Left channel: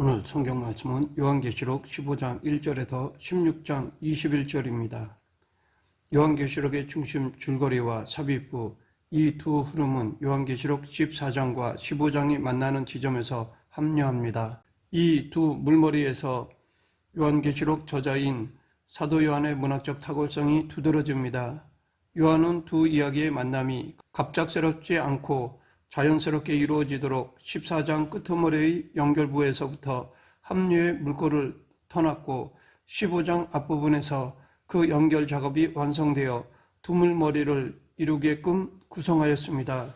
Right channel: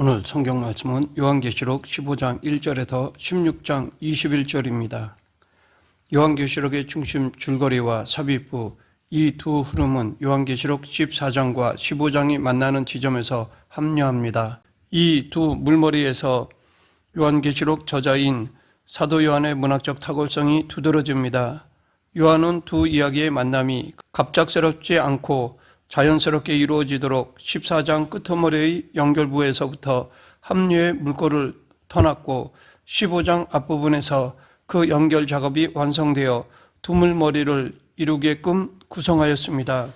오늘 성경 말씀은 요한계시록 15장 1절에서 16장 21절입니다. 요한계시록의 중심 줄거리와 삽입부 이 두 흐름은 요한계시록 14장과 15장이 만나는 지점에서 합류합니다. 이 두 물머리에서 요한계시록 저자인 사도 요한의 문학적 탁월성이 두드러집니다. 요한은 두 이야기의 만남이 갑작스럽지 않고 자연스럽게 이루어지도록 14장 끄트머리의 연결부에서부터 합류의 물꼬를 터놨고 15장 앞부분에서 그 연결 작업이 완성되어 두물머리를 이루게끔 구성하였습니다.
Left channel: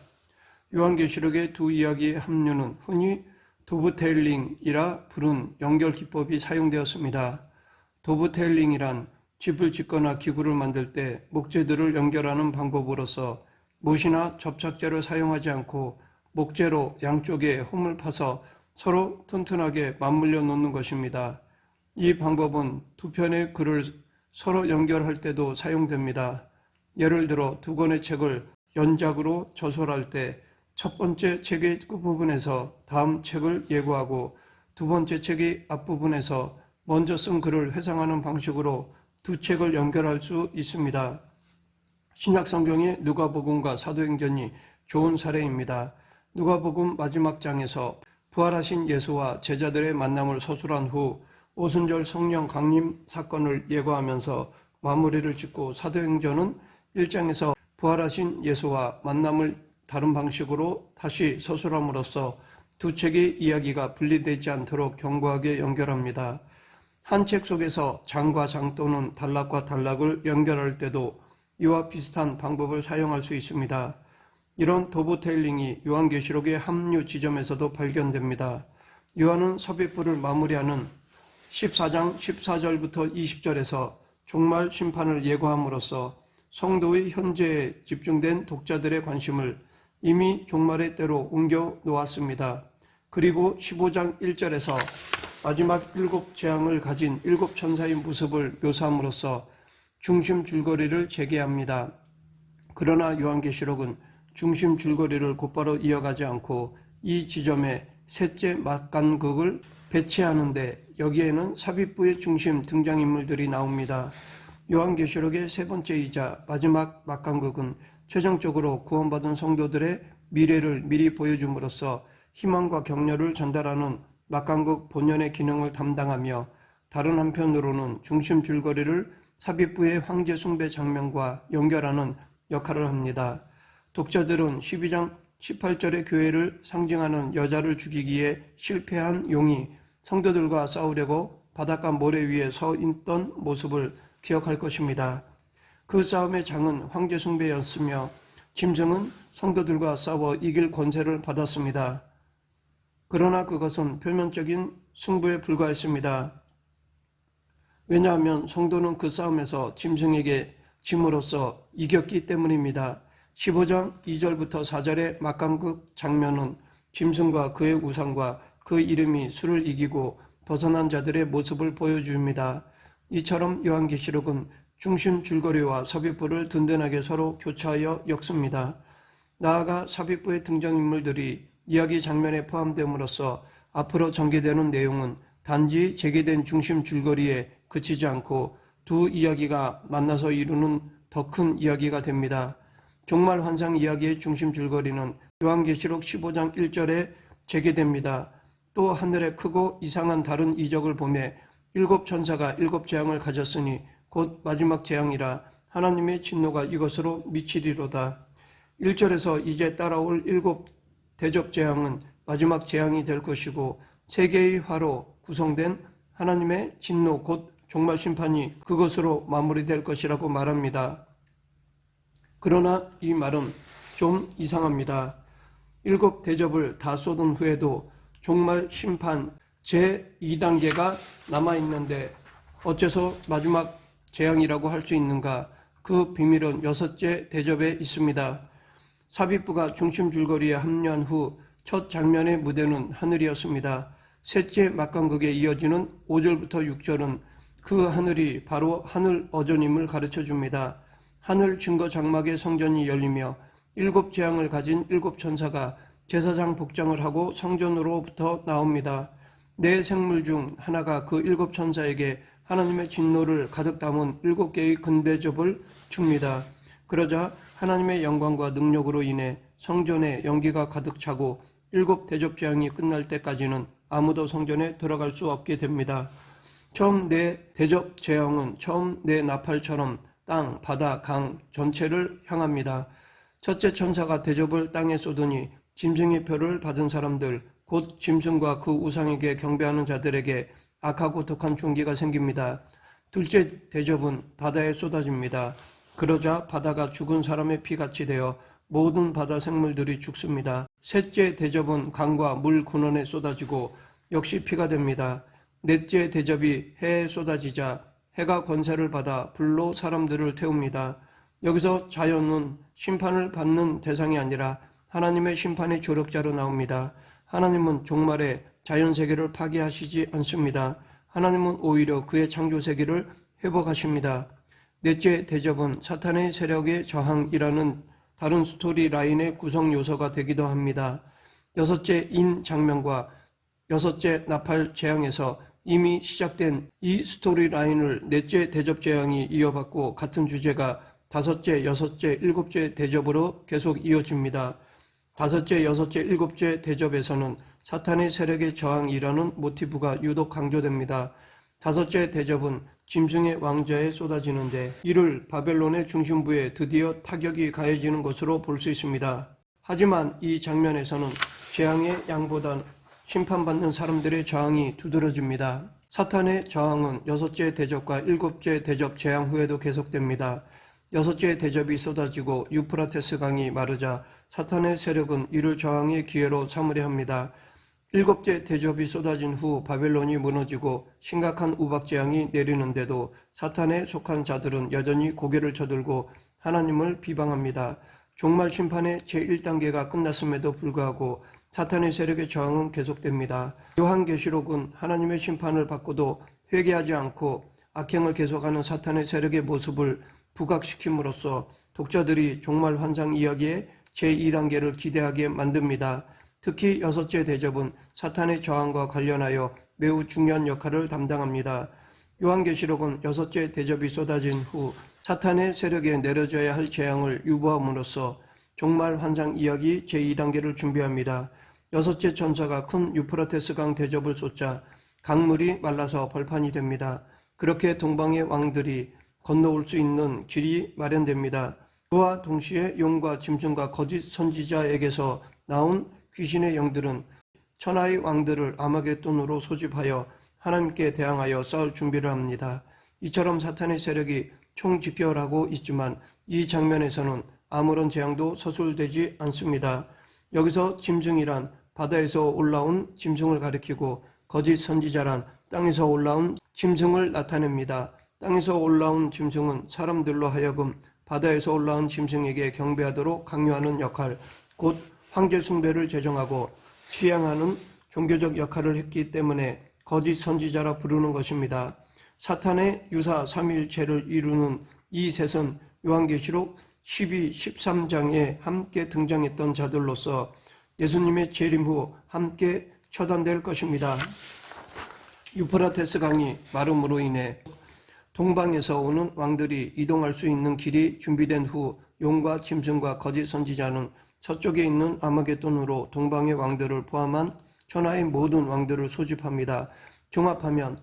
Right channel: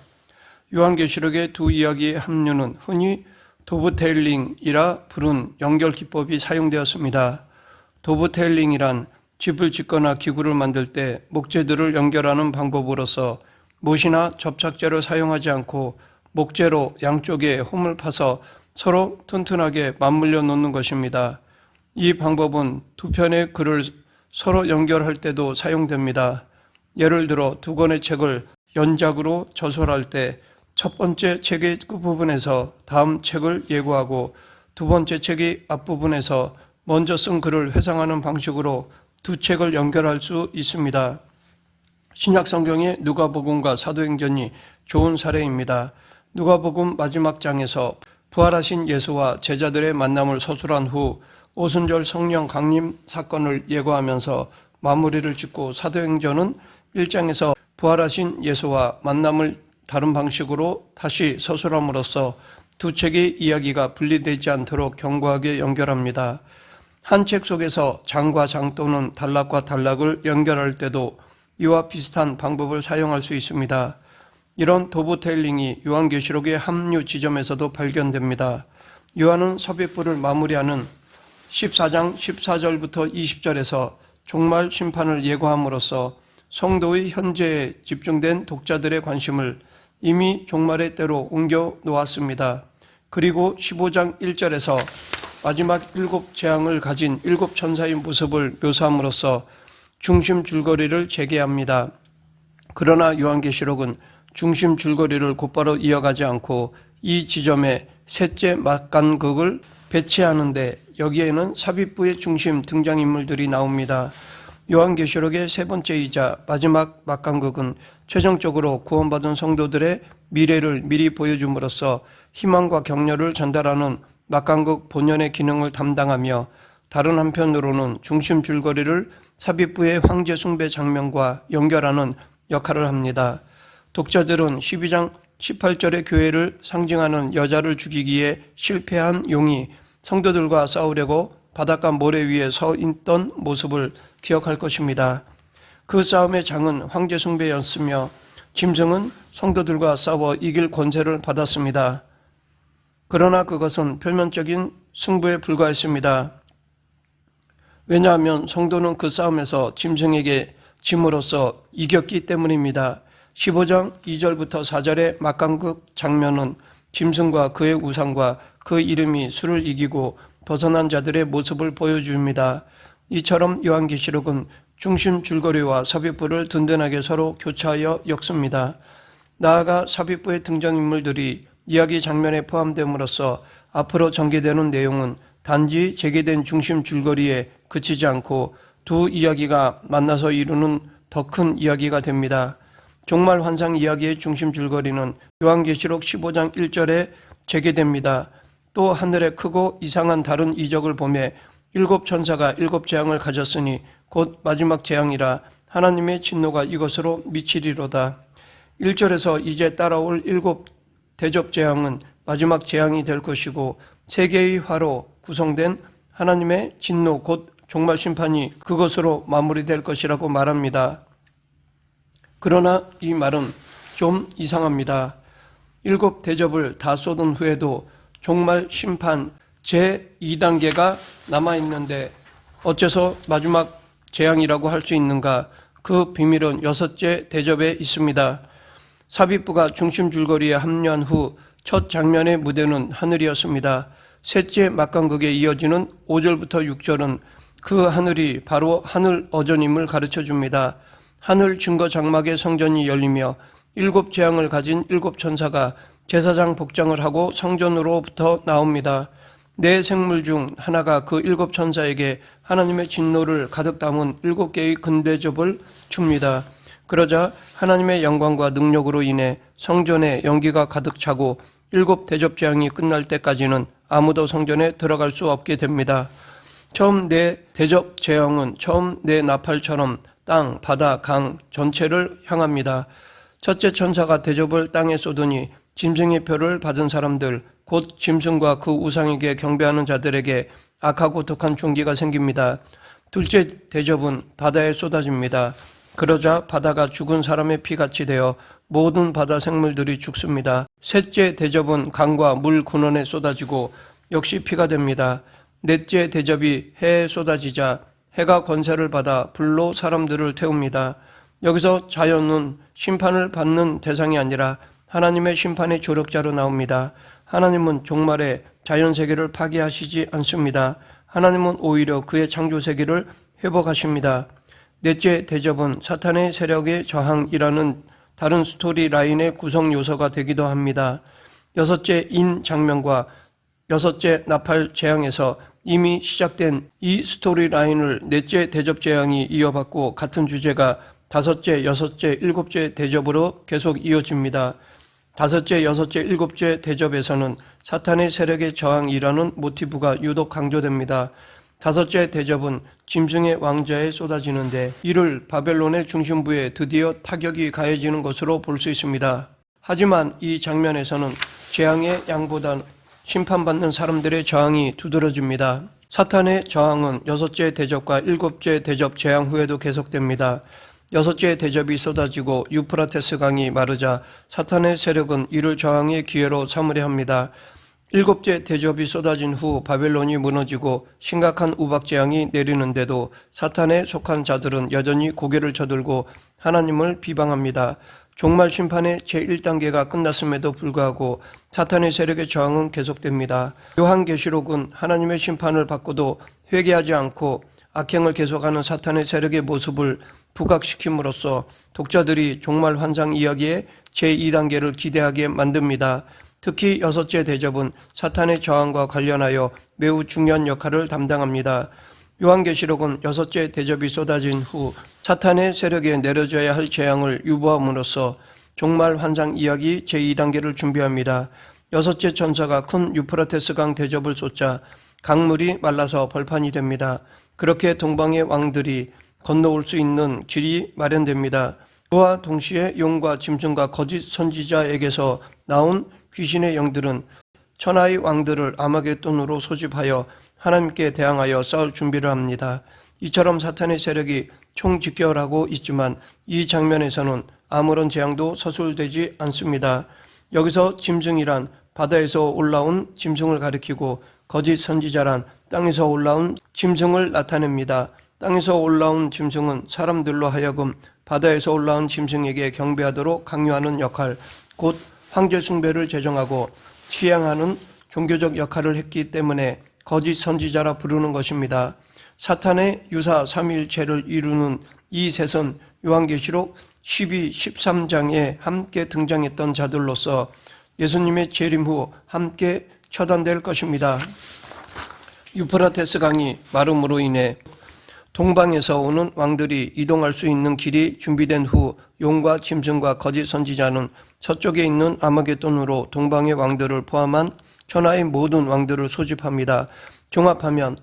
요한계시록의 두 이야기의 합류는 흔히 도브테일링이라 부른 연결 기법이 사용되었습니다. 도브테일링이란 집을 짓거나 기구를 만들 때 목재들을 연결하는 방법으로서 못이나 접착제를 사용하지 않고 목재로 양쪽에 홈을 파서 서로 튼튼하게 맞물려 놓는 것입니다. 이 방법은 두 편의 글을 서로 연결할 때도 사용됩니다. 예를 들어 두 권의 책을 연작으로 저술할 때 첫 번째 책의 끝부분에서 다음 책을 예고하고 두 번째 책의 앞부분에서 먼저 쓴 글을 회상하는 방식으로 두 책을 연결할 수 있습니다. 신약 성경의 누가복음과 사도행전이 좋은 사례입니다. 누가복음 마지막 장에서 부활하신 예수와 제자들의 만남을 서술한 후 오순절 성령 강림 사건을 예고하면서 마무리를 짓고 사도행전은 1장에서 부활하신 예수와 만남을 다른 방식으로 다시 서술함으로써 두 책의 이야기가 분리되지 않도록 견고하게 연결합니다. 한 책 속에서 장과 장 또는 단락과 단락을 연결할 때도 이와 비슷한 방법을 사용할 수 있습니다. 이런 도브테일링이 요한계시록의 합류 지점에서도 발견됩니다. 요한은 삽입부를 마무리하는 14장 14절부터 20절에서 종말 심판을 예고함으로써 성도의 현재에 집중된 독자들의 관심을 이미 종말의 때로 옮겨 놓았습니다. 그리고 15장 1절에서 마지막 7재앙을 가진 7천사의 모습을 묘사함으로써 중심 줄거리를 재개합니다. 그러나 요한계시록은 중심 줄거리를 곧바로 이어가지 않고 이 지점에 셋째 막간극을 배치하는데 여기에는 삽입부의 중심 등장인물들이 나옵니다. 요한계시록의 세 번째이자 마지막 막간극은 최종적으로 구원받은 성도들의 미래를 미리 보여줌으로써 희망과 격려를 전달하는 막간극 본연의 기능을 담당하며 다른 한편으로는 중심 줄거리를 삽입부의 황제 숭배 장면과 연결하는 역할을 합니다. 독자들은 12장 18절의 교회를 상징하는 여자를 죽이기에 실패한 용이 성도들과 싸우려고 바닷가 모래 위에 서 있던 모습을 기억할 것입니다. 그 싸움의 장은 황제 숭배였으며 짐승은 성도들과 싸워 이길 권세를 받았습니다. 그러나 그것은 표면적인 승부에 불과했습니다. 왜냐하면 성도는 그 싸움에서 짐승에게 짐으로써 이겼기 때문입니다. 15장 2절부터 4절의 막간극 장면은 짐승과 그의 우상과 그 이름이 수를 이기고 벗어난 자들의 모습을 보여줍니다. 이처럼 요한계시록은 중심 줄거리와 삽입부를 든든하게 서로 교차하여 엮습니다. 나아가 삽입부의 등장인물들이 이야기 장면에 포함됨으로써 앞으로 전개되는 내용은 단지 재개된 중심 줄거리에 그치지 않고 두 이야기가 만나서 이루는 더 큰 이야기가 됩니다. 종말 환상 이야기의 중심 줄거리는 요한계시록 15장 1절에 재개됩니다. 또 하늘에 크고 이상한 다른 이적을 보매 7천사가 7재앙을 가졌으니 곧 마지막 재앙이라 하나님의 진노가 이것으로 미치리로다. 1절에서 이제 따라올 7 대접재앙은 마지막 재앙이 될 것이고 세 개의 화로 구성된 하나님의 진노 곧 종말 심판이 그것으로 마무리될 것이라고 말합니다. 그러나 이 말은 좀 이상합니다. 7 대접을 다 쏟은 후에도 종말 심판 제2단계가 남아있는데 어째서 마지막 재앙이라고 할 수 있는가? 그 비밀은 6째 대접에 있습니다. 삽입부가 중심 줄거리에 합류한 후 첫 장면의 무대는 하늘이었습니다. 셋째 막간극에 이어지는 5절부터 6절은 그 하늘이 바로 하늘 어전임을 가르쳐 줍니다. 하늘 증거 장막의 성전이 열리며 7재앙을 가진 7천사가 제사장 복장을 하고 성전으로부터 나옵니다. 네 생물 중 하나가 그 7천사에게 하나님의 진노를 가득 담은 7개의 금대접을 줍니다. 그러자 하나님의 영광과 능력으로 인해 성전에 연기가 가득 차고 7대접 재앙이 끝날 때까지는 아무도 성전에 들어갈 수 없게 됩니다. 처음 네 대접 재앙은 처음 네 나팔처럼 땅, 바다, 강 전체를 향합니다. 첫째 천사가 대접을 땅에 쏟으니 짐승의 표를 받은 사람들, 곧 짐승과 그 우상에게 경배하는 자들에게 악하고 독한 충기가 생깁니다. 둘째 대접은 바다에 쏟아집니다. 그러자 바다가 죽은 사람의 피같이 되어 모든 바다 생물들이 죽습니다. 셋째 대접은 강과 물 근원에 쏟아지고 역시 피가 됩니다. 넷째 대접이 해에 쏟아지자 해가 권세를 받아 불로 사람들을 태웁니다. 여기서 자연은 심판을 받는 대상이 아니라 하나님의 심판의 조력자로 나옵니다. 하나님은 종말에 자연세계를 파괴하시지 않습니다. 하나님은 오히려 그의 창조세계를 회복하십니다. 넷째 대접은 사탄의 세력의 저항이라는 다른 스토리 라인의 구성 요소가 되기도 합니다. 여섯째 인 장면과 여섯째 나팔 재앙에서 이미 시작된 이 스토리 라인을 넷째 대접 재앙이 이어받고 같은 주제가 다섯째, 여섯째, 일곱째 대접으로 계속 이어집니다. 다섯째, 여섯째, 일곱째 대접에서는 사탄의 세력의 저항이라는 모티브가 유독 강조됩니다. 다섯째 대접은 짐승의 왕좌에 쏟아지는데 이를 바벨론의 중심부에 드디어 타격이 가해지는 것으로 볼 수 있습니다. 하지만 이 장면에서는 재앙의 양보단 심판받는 사람들의 저항이 두드러집니다. 사탄의 저항은 여섯째 대접과 일곱째 대접 재앙 후에도 계속됩니다. 여섯째 대접이 쏟아지고 유프라테스 강이 마르자 사탄의 세력은 이를 저항의 기회로 삼으려 합니다. 일곱째 대접이 쏟아진 후 바벨론이 무너지고 심각한 우박재앙이 내리는데도 사탄에 속한 자들은 여전히 고개를 저들고 하나님을 비방합니다. 종말 심판의 제1단계가 끝났음에도 불구하고 사탄의 세력의 저항은 계속됩니다. 요한계시록은 하나님의 심판을 받고도 회개하지 않고 악행을 계속하는 사탄의 세력의 모습을 부각시킴으로써 독자들이 종말 환상 이야기의 제2단계를 기대하게 만듭니다. 특히 여섯째 대접은 사탄의 저항과 관련하여 매우 중요한 역할을 담당합니다. 요한계시록은 여섯째 대접이 쏟아진 후 사탄의 세력에 내려져야 할 재앙을 유보함으로써 종말 환상 이야기 제2단계를 준비합니다. 여섯째 천사가 큰 유프라테스 강 대접을 쏟자 강물이 말라서 벌판이 됩니다. 그렇게 동방의 왕들이 건너올 수 있는 길이 마련됩니다. 그와 동시에 용과 짐승과 거짓 선지자에게서 나온 귀신의 영들은 천하의 왕들을 아마겟돈으로 소집하여 하나님께 대항하여 싸울 준비를 합니다. 이처럼 사탄의 세력이 총집결하고 있지만 이 장면에서는 아무런 재앙도 서술되지 않습니다. 여기서 짐승이란 바다에서 올라온 짐승을 가리키고 거짓 선지자란 땅에서 올라온 짐승을 나타냅니다. 땅에서 올라온 짐승은 사람들로 하여금 바다에서 올라온 짐승에게 경배하도록 강요하는 역할, 곧 황제 숭배를 제정하고 취향하는 종교적 역할을 했기 때문에 거짓 선지자라 부르는 것입니다. 사탄의 유사 삼위일체를 이루는 이 셋은 요한계시록 12, 13장에 함께 등장했던 자들로서 예수님의 재림 후 함께 처단될 것입니다. 유프라테스 강이 마름으로 인해 동방에서 오는 왕들이 이동할 수 있는 길이 준비된 후 용과 짐승과 거짓 선지자는 서쪽에 있는 아마겟돈으로 동방의 왕들을 포함한 천하의 모든 왕들을 소집합니다. 종합하면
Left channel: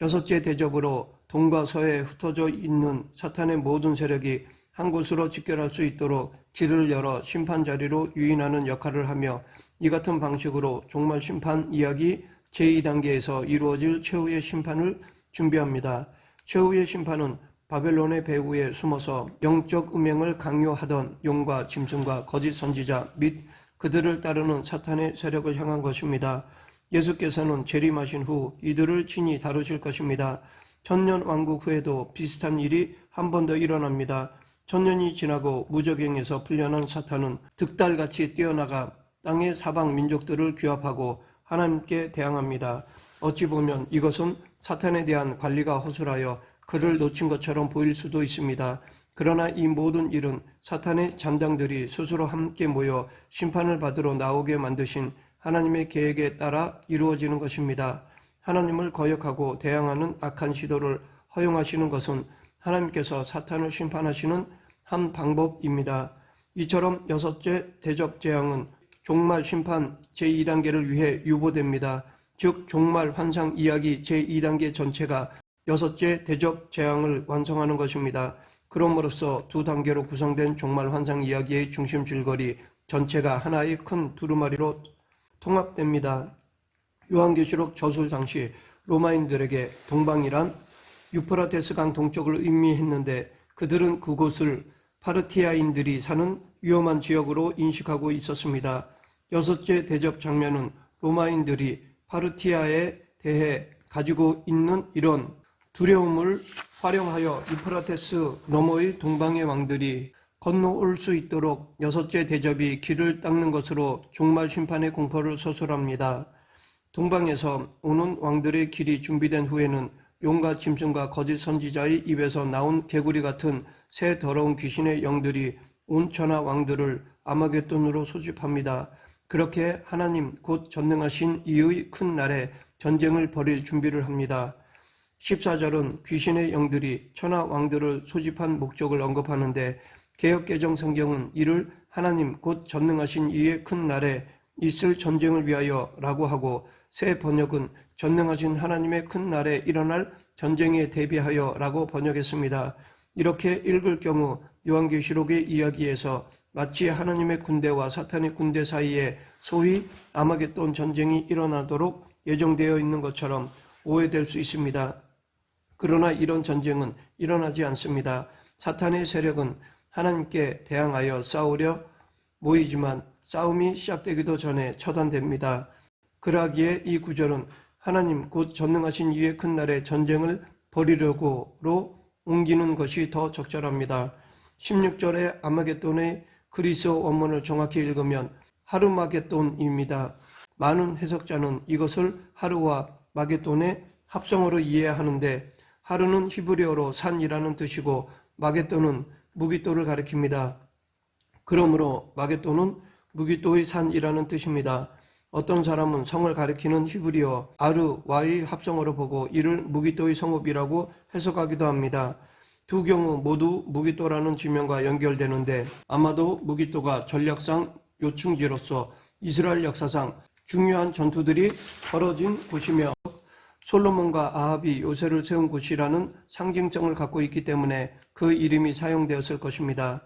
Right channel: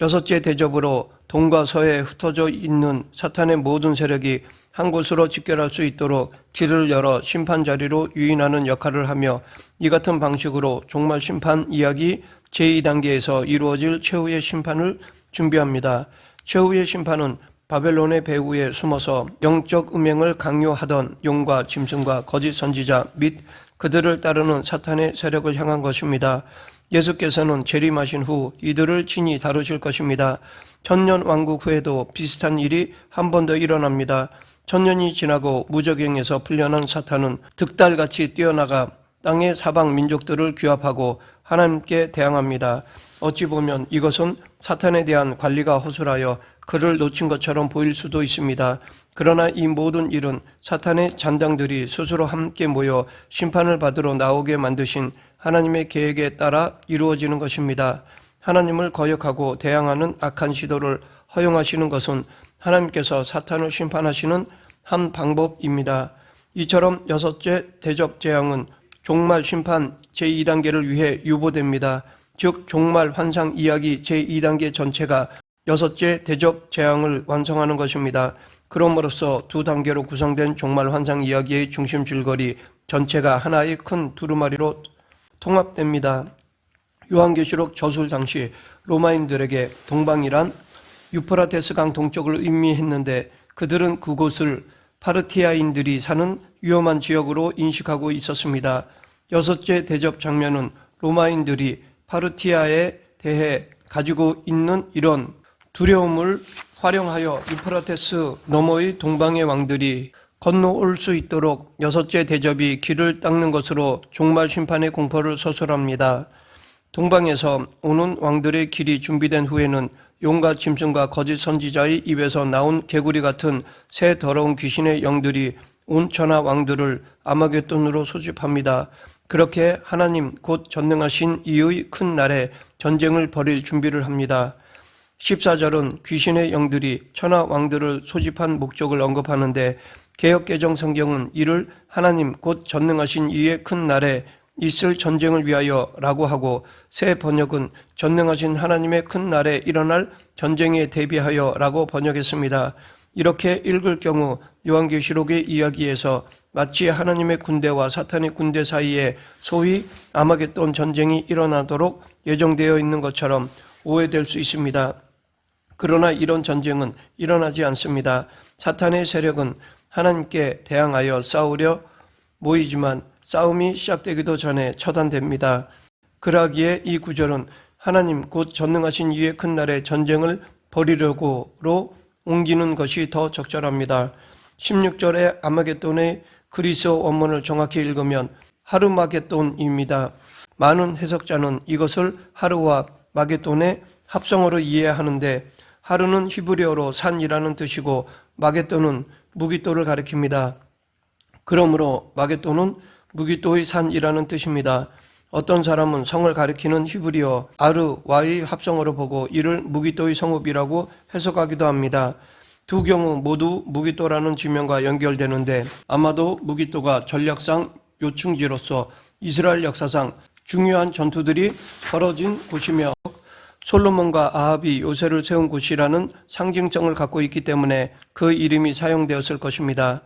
여섯째 대접으로 동과 서에 흩어져 있는 사탄의 모든 세력이 한 곳으로 집결할 수 있도록 길을 열어 심판 자리로 유인하는 역할을 하며 이 같은 방식으로 종말 심판 이야기 제2단계에서 이루어질 최후의 심판을 준비합니다. 최후의 심판은 바벨론의 배후에 숨어서 영적 음행을 강요하던 용과 짐승과 거짓 선지자 및 그들을 따르는 사탄의 세력을 향한 것입니다. 예수께서는 재림하신 후 이들을 친히 다루실 것입니다. 천년 왕국 후에도 비슷한 일이 한 번 더 일어납니다. 천년이 지나고 무적행에서 풀려난 사탄은 득달같이 뛰어나가 땅의 사방 민족들을 규합하고 하나님께 대항합니다. 어찌 보면 이것은 사탄에 대한 관리가 허술하여 그를 놓친 것처럼 보일 수도 있습니다. 그러나 이 모든 일은 사탄의 잔당들이 스스로 함께 모여 심판을 받으러 나오게 만드신 하나님의 계획에 따라 이루어지는 것입니다. 하나님을 거역하고 대항하는 악한 시도를 허용하시는 것은 하나님께서 사탄을 심판하시는 한 방법입니다. 이처럼 여섯째 대접 재앙은 종말 심판 제2단계를 위해 유보됩니다. 즉 종말 환상 이야기 제2단계 전체가 여섯째 대접 재앙을 완성하는 것입니다. 그럼으로써 두 단계로 구성된 종말 환상 이야기의 중심 줄거리 전체가 하나의 큰 두루마리로 통합됩니다. 요한계시록 저술 당시 로마인들에게 동방이란 유프라테스 강 동쪽을 의미했는데 그들은 그곳을 파르티아인들이 사는 위험한 지역으로 인식하고 있었습니다. 여섯째 대접 장면은 로마인들이 파르티아에 대해 가지고 있는 이런 두려움을 활용하여 유프라테스 너머의 동방의 왕들이 건너올 수 있도록 여섯째 대접이 길을 닦는 것으로 종말 심판의 공포를 서술합니다. 동방에서 오는 왕들의 길이 준비된 후에는 용과 짐승과 거짓 선지자의 입에서 나온 개구리 같은 새 더러운 귀신의 영들이 온 천하 왕들을 아마겟돈으로 소집합니다. 그렇게 하나님 곧 전능하신 이의 큰 날에 전쟁을 벌일 준비를 합니다. 14절은 귀신의 영들이 천하 왕들을 소집한 목적을 언급하는데 개역개정 성경은 이를 하나님 곧 전능하신 이의 큰 날에 있을 전쟁을 위하여 라고 하고 새 번역은 전능하신 하나님의 큰 날에 일어날 전쟁에 대비하여 라고 번역했습니다. 이렇게 읽을 경우 요한계시록의 이야기에서 마치 하나님의 군대와 사탄의 군대 사이에 소위 아마겟돈 전쟁이 일어나도록 예정되어 있는 것처럼 오해될 수 있습니다. 그러나 이런 전쟁은 일어나지 않습니다. 사탄의 세력은 하나님께 대항하여 싸우려 모이지만 싸움이 시작되기도 전에 처단됩니다. 그러기에 이 구절은 하나님 곧 전능하신 이의 큰 날에 전쟁을 벌이려고로 옮기는 것이 더 적절합니다. 16절의 아마겟돈의 그리스어 원문을 정확히 읽으면 하르마겟돈입니다. 많은 해석자는 이것을 하르와 마겟돈의 합성어로 이해하는데 하르는 히브리어로 산이라는 뜻이고 마겟돈은 무기토를 가리킵니다. 그러므로 마겟돈은 무기토의 산이라는 뜻입니다. 어떤 사람은 성을 가리키는 히브리어 아르와의 합성어로 보고 이를 무기토의 성읍이라고 해석하기도 합니다. 두 경우 모두 무기토라는 지명과 연결되는데 아마도 무기토가 전략상 요충지로서 이스라엘 역사상 중요한 전투들이 벌어진 곳이며 솔로몬과 아합이 요새를 세운 곳이라는 상징성을 갖고 있기 때문에 그 이름이 사용되었을 것입니다.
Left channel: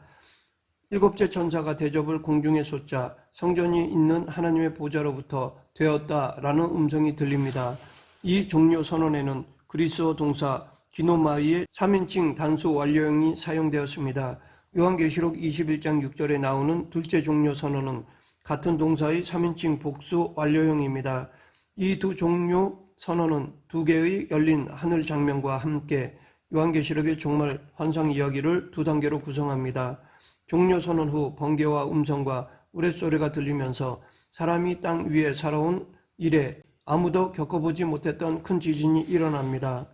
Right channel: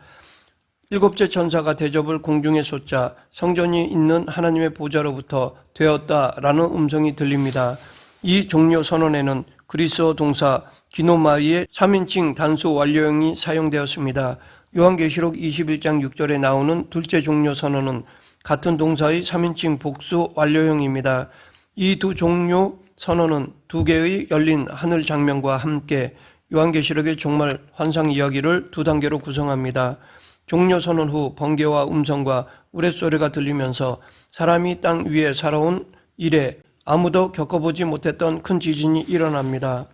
일곱째 천사가 대접을 공중에 쏟자 성전이 있는 하나님의 보좌로부터 되었다라는 음성이 들립니다. 이 종료 선언에는 그리스어 동사 기노마이의 3인칭 단수 완료형이 사용되었습니다. 요한계시록 21장 6절에 나오는 둘째 종료 선언은 같은 동사의 3인칭 복수 완료형입니다. 이 두 종료 선언은 두 개의 열린 하늘 장면과 함께 요한계시록의 종말 환상 이야기를 두 단계로 구성합니다. 종료 선언 후 번개와 음성과 우레소리가 들리면서 사람이 땅 위에 살아온 이래 아무도 겪어보지 못했던 큰 지진이 일어납니다.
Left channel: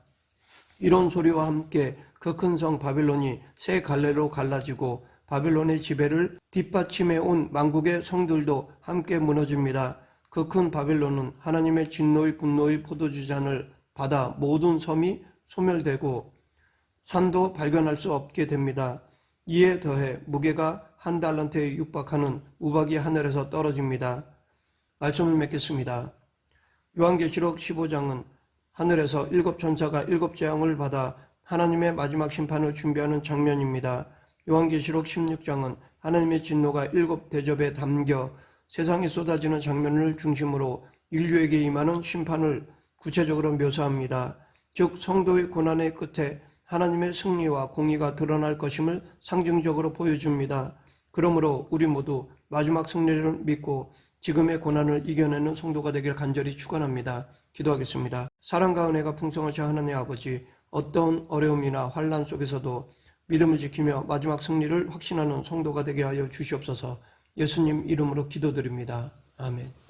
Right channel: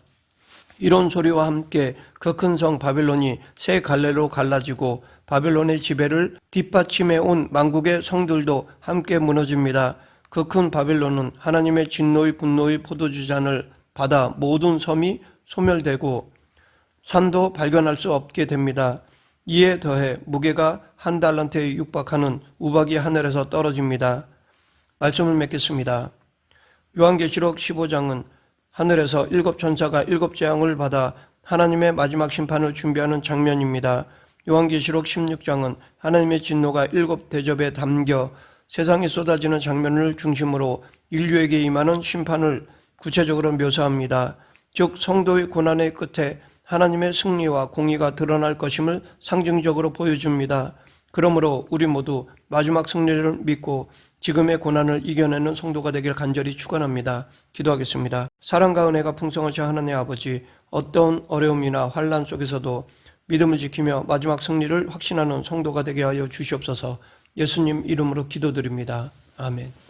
이런 소리와 함께 그 큰 성 바빌론이 세 갈래로 갈라지고 바빌론의 지배를 뒷받침해 온 만국의 성들도 함께 무너집니다. 그 큰 바빌론은 하나님의 진노의 분노의 포도주잔을 받아 모든 섬이 소멸되고 산도 발견할 수 없게 됩니다. 이에 더해 무게가 한 달란트에 육박하는 우박이 하늘에서 떨어집니다. 말씀을 맺겠습니다. 요한계시록 15장은 하늘에서 일곱 천사가 일곱 재앙을 받아 하나님의 마지막 심판을 준비하는 장면입니다. 요한계시록 16장은 하나님의 진노가 일곱 대접에 담겨 세상에 쏟아지는 장면을 중심으로 인류에게 임하는 심판을 구체적으로 묘사합니다. 즉 성도의 고난의 끝에 하나님의 승리와 공의가 드러날 것임을 상징적으로 보여줍니다. 그러므로 우리 모두 마지막 승리를 믿고 지금의 고난을 이겨내는 성도가 되길 간절히 축원합니다. 기도하겠습니다. 사랑과 은혜가 풍성하신 하나님 아버지, 어떤 어려움이나 환난 속에서도 믿음을 지키며 마지막 승리를 확신하는 성도가 되게 하여 주시옵소서. 예수님 이름으로 기도드립니다. 아멘.